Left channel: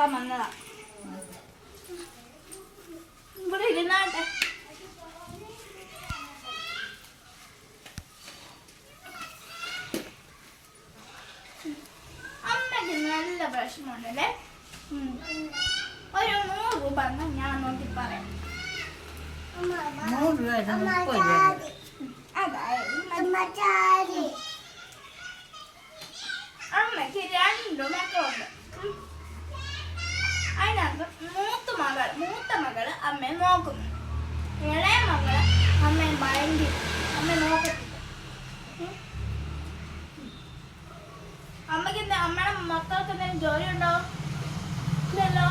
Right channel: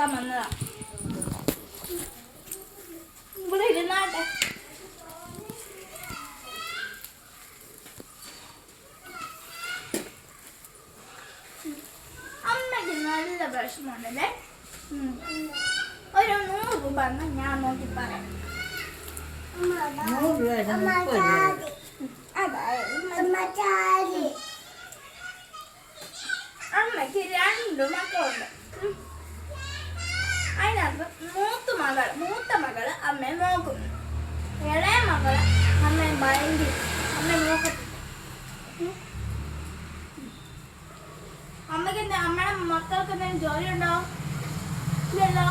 നോക്കാൻ വന്നതാ. ഇവിടെ ഇരുന്നാട്ടെ. അമ്മയ്ക്ക് നല്ല വിഷമമുണ്ടല്ലേ. ഒരു 100 രൂപ ഞാൻ നോക്കി പറയാം. അമ്മയ്ക്ക് 2 മക്കളുണ്ട്. അതിനകത്ത് മൂത്ത മകള് അമ്മയെ നോക്കുന്നു, ഇളയ മകള് അമ്മയെ ഭയങ്കര അമ്മയെ നോക്കത്തില്ല. അമ്മയ്ക്ക് അമ്മയുടെ മക്കൾക്ക് എന്തെങ്കിലും ജോലി ഉണ്ടോ? ഇല്ലല്ലോ.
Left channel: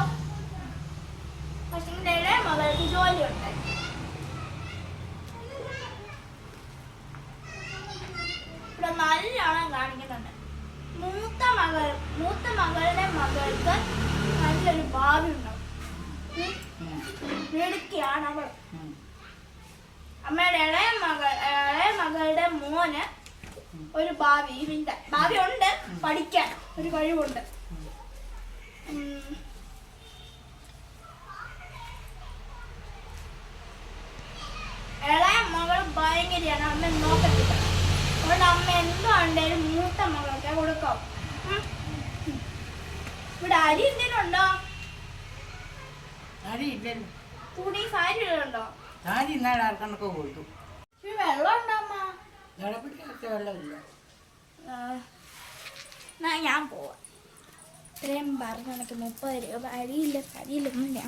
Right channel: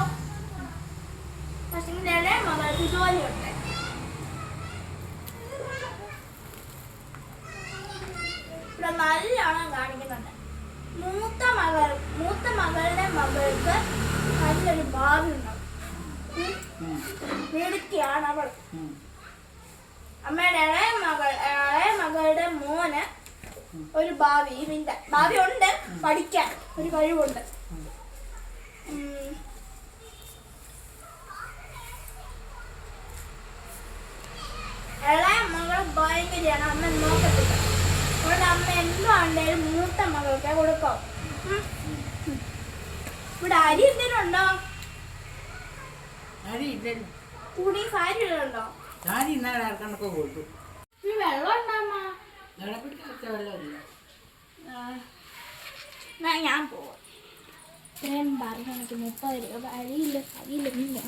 പക്ഷെ ഇളയ മകൾക്ക് ജോലിയുണ്ട്. ഇവിടെ നല്ലോണം കാണിക്കുന്നുണ്ട്. മൂത്ത മകളുടെ മകൾക്ക് നല്ലൊരു ഭാവി ഉണ്ടാവും. മിടുക്കിയാണ് അവൾ. അമ്മയുടെ ഇളയ മകളുടെ മോന് ഒരു ഭാവി ഉണ്ട്, പഠിക്കാൻ ഒരു കഴിവുണ്ട്. ഇളയ മകൾ ഭയങ്കരയാണ്, അമ്മ നോക്കത്തില്ല. അതുകൊണ്ട് അമ്മ എന്താണ്ടേലും മൂത്ത മകൾക്ക് കൊടുക്കാം. ഇവിടെ അരി എന്തെങ്കിലും ഉണ്ടോ? തുണി സാരികളുണ്ടോ? വെള്ളം ഉണ്ടോ അമ്മ? ഞാൻ പോവാം. ഇത്രയും പറഞ്ഞു എനിക്ക് 30 രൂപ അരിയില്ല കരിയില്ല.